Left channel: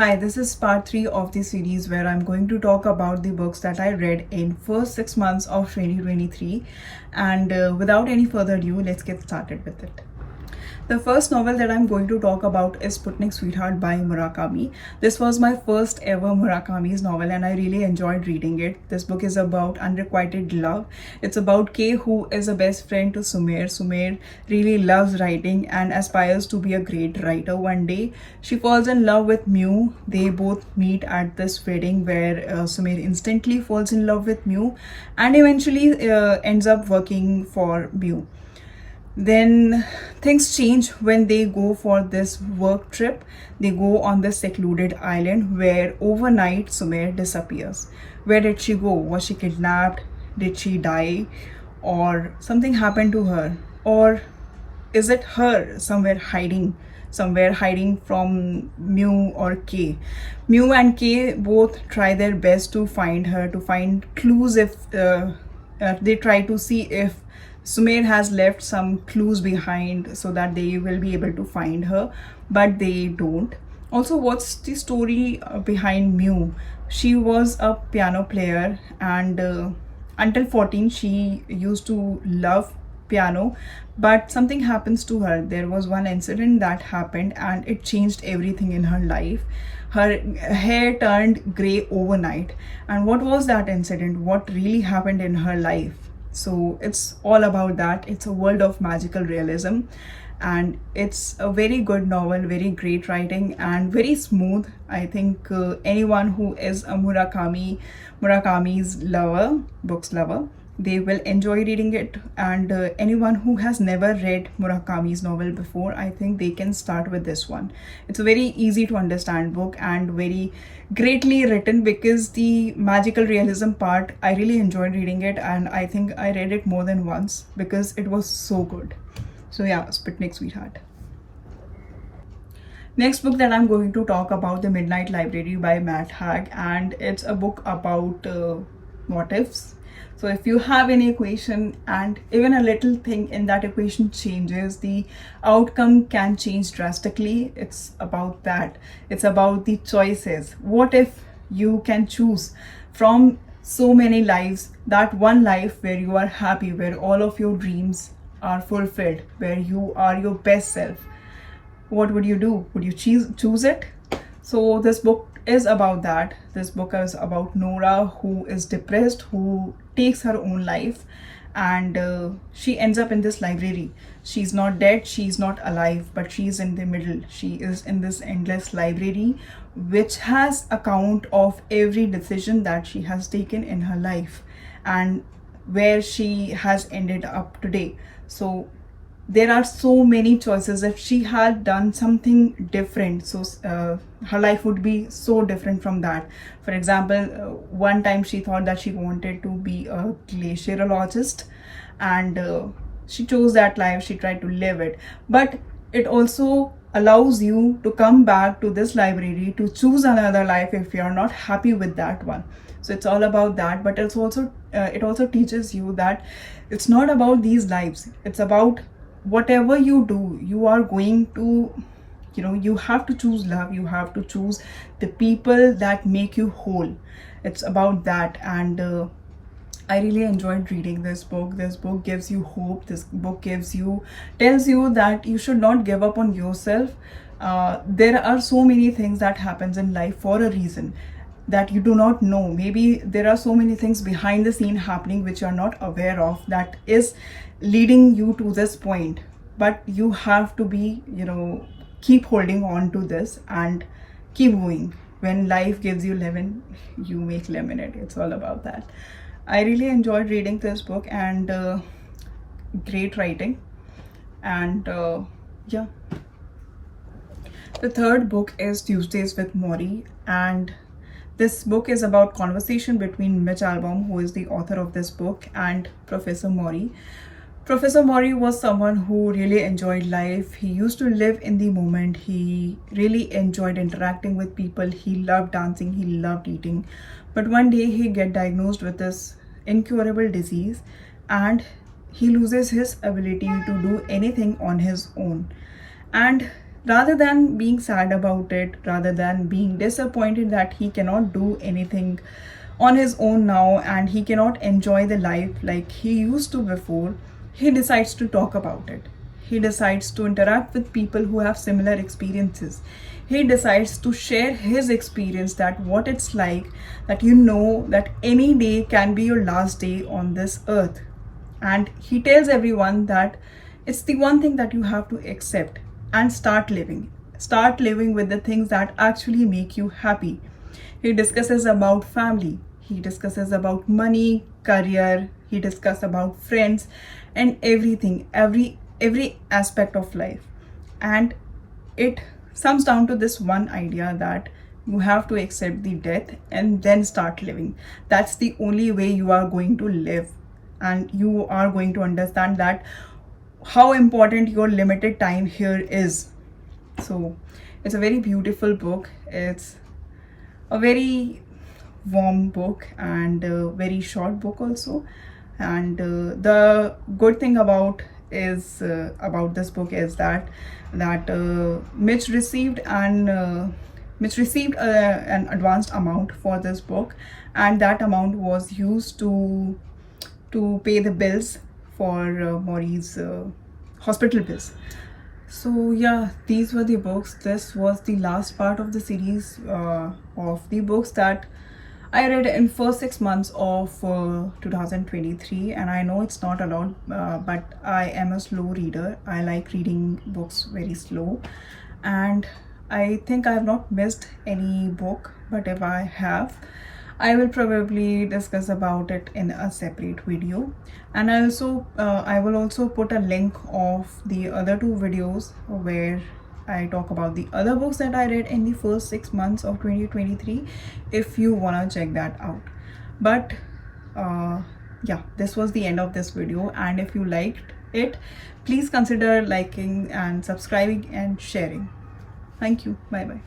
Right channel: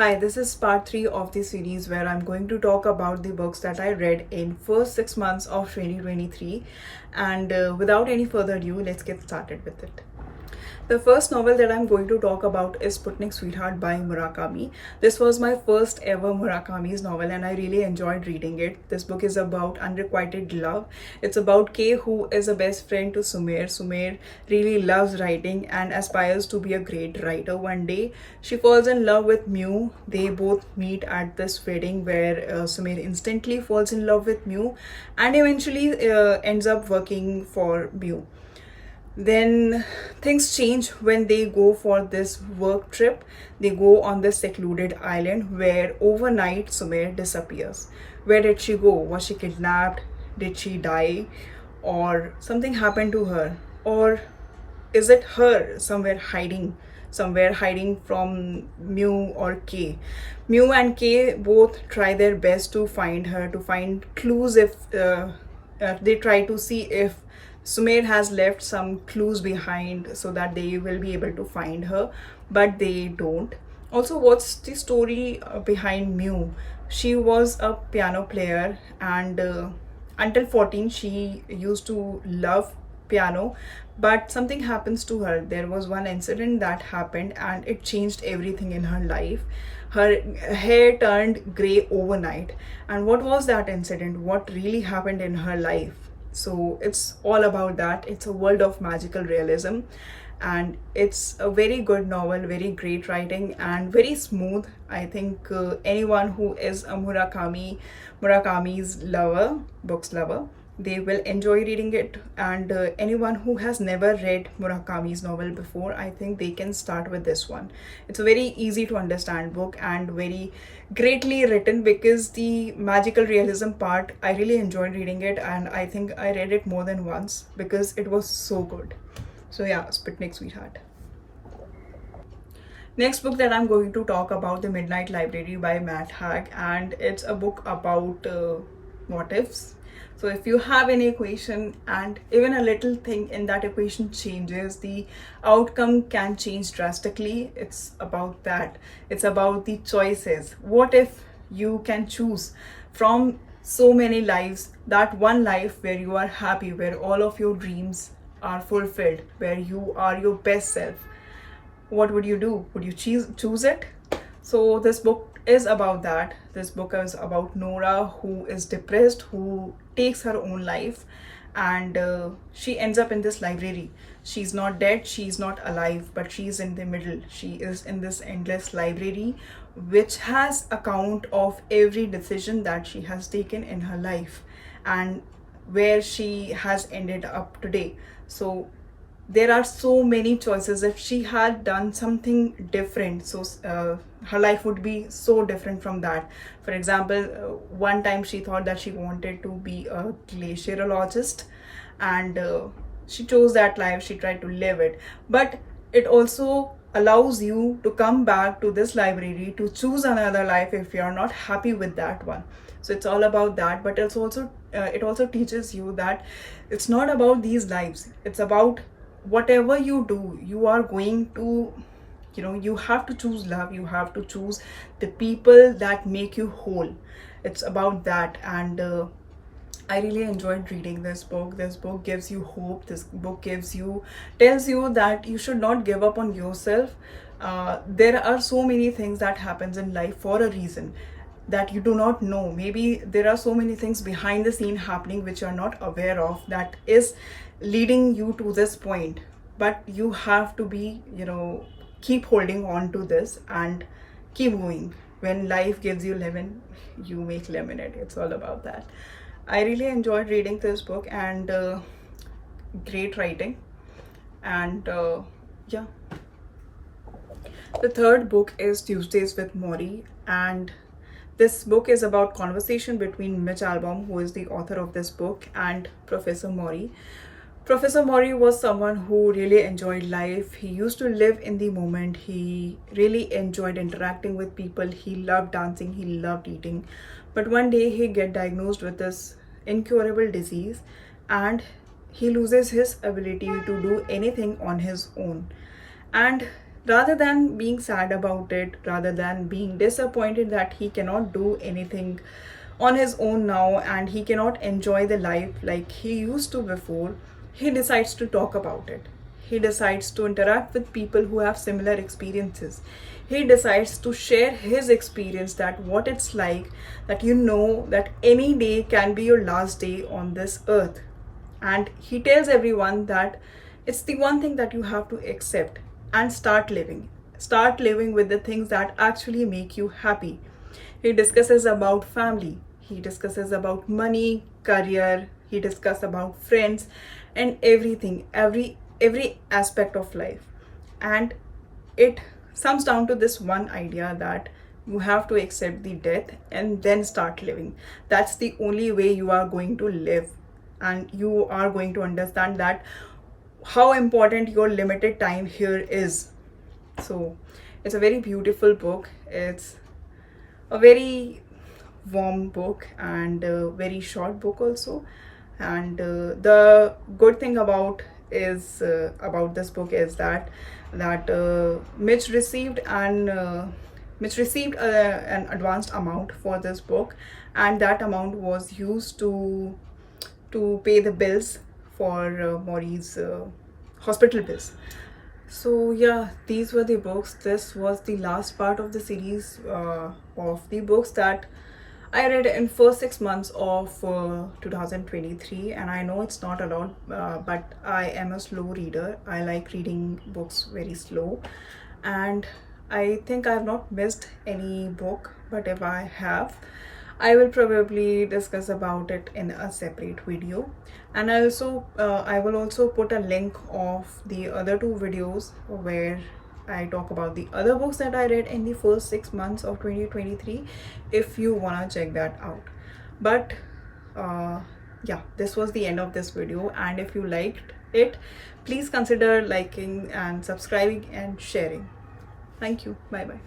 Hi, this is part 3 of the series where I'm going to talk about the books that I read in first 6 months of 2023. And without any further ado, let's get started with it. The first novel that I'm going to talk about is Sputnik Sweetheart by Murakami. This was my first ever Murakami's novel and I really enjoyed reading it. This book is about unrequited love. It's about Kei, who is a best friend to Sumer. Sumer really loves writing and aspires to be a great writer one day. She falls in love with Mew. They both meet at this wedding where Sumer instantly falls in love with Mew and eventually ends up working for Mew. Then things change when they go for this work trip. They go on this secluded island where overnight Sumer disappears. Where did she go? Was she kidnapped? Did she die? Or something happened to her? Or is it her somewhere hiding from Mew or Kei? Mew and Kei both try their best to find her, to find clues if they try to see if Sumer has left some clues behind so that they will be able to find her, but they don't. Also, what's the story behind Mew? She was a piano player, and until 14, she used to love piano, but something happens to her. There was one incident that happened, and it changed everything in her life. Her hair turned gray overnight. And what was that incident? What really happened in her life? So it's all about that. It's a world of magical realism and it's a very good novel, very great writing and very smooth. I think anyone who is a Murakami's books lover, they will enjoy reading it. And anyone who has never read Murakami's novel before, I think they can start with this one. It's a very easy to understand book and very greatly written, because the magical realism part, I really enjoyed reading it and I think I read it more than once because it was so good. So yeah, Sputnik Sweetheart. Next book that I'm going to talk about, The Midnight Library by Matt Haig, and it's a book about what ifs. So if you have any equation and even a little thing in that equation changes, the outcome can change drastically. It's about that. It's about the choices. What if you can choose from so many lives, that one life where you are happy, where all of your dreams are fulfilled, where you are your best self? What would you do? Would you choose it? So this book is about that. This book is about Nora, who is depressed, who takes her own life, and she ends up in this library. She's not dead, she's not alive, but she's in the middle. She is in this endless library which has account of every decision that she has taken in her life and where she has ended up today. So there are so many choices. If she had done something different, so her life would be so different from that. For example, one time she thought that she wanted to be a glaciologist, and she chose that life. She tried to live it, but it also allows you to come back to this library to choose another life if you're not happy with that one. So it's all about that, but it also teaches you that it's not about these lives. It's about whatever you do, you are going to, you have to choose love. You have to choose the people that make you whole. It's about that. And I really enjoyed reading this book. This book gives you hope. This book tells you that you should not give up on yourself. There are so many things that happens in life for a reason that you do not know. Maybe there are so many things behind the scene happening which you are not aware of, that is leading you to this point. But you have to be, keep holding on to this and keep going. When life gives you lemon, you make lemonade. It's all about that. I really enjoyed reading this book, and great writing. And yeah. The third book is Tuesdays with Morrie, and this book is about conversation between Mitch Albom, who is the author of this book, and Professor Morrie. Professor Morrie was someone who really enjoyed life. He used to live in the moment. He really enjoyed interacting with people. He loved dancing. He loved eating. But one day he get diagnosed with this incurable disease, and he loses his ability to do anything on his own. And rather than being sad about it, rather than being disappointed that he cannot do anything on his own now and he cannot enjoy the life like he used to before, he decides to talk about it. He decides to interact with people who have similar experiences. He decides to share his experience, that what it's like, that you know that any day can be your last day on this earth. And he tells everyone that it's the one thing that you have to accept and start living with the things that actually make you happy. He discusses about family, he discusses about money, career, he discusses about friends, and everything, every aspect of life. And it sums down to this one idea, that you have to accept the death and then start living. That's the only way you are going to live, and you are going to understand that how important your limited time here is. So it's a very beautiful book. It's a very warm book and a very short book also. And the good thing about this book is that Mitch received an advanced amount for this book, and that amount was used to pay the bills for Morrie's hospital bills. So yeah, these were the books. This was the last part of the series of the books that I read in first 6 months of 2023. And I know it's not a lot, but I am a slow reader. I like reading books very slow, and I think I have not missed any book, but if I have, I will probably discuss about it in a separate video. And I will also put a link of the other two videos where I talk about the other books that I read in the first 6 months of 2023, if you wanna check that out. But yeah, this was the end of this video, and if you liked it, please consider liking and subscribing and sharing. Thank you. Bye bye.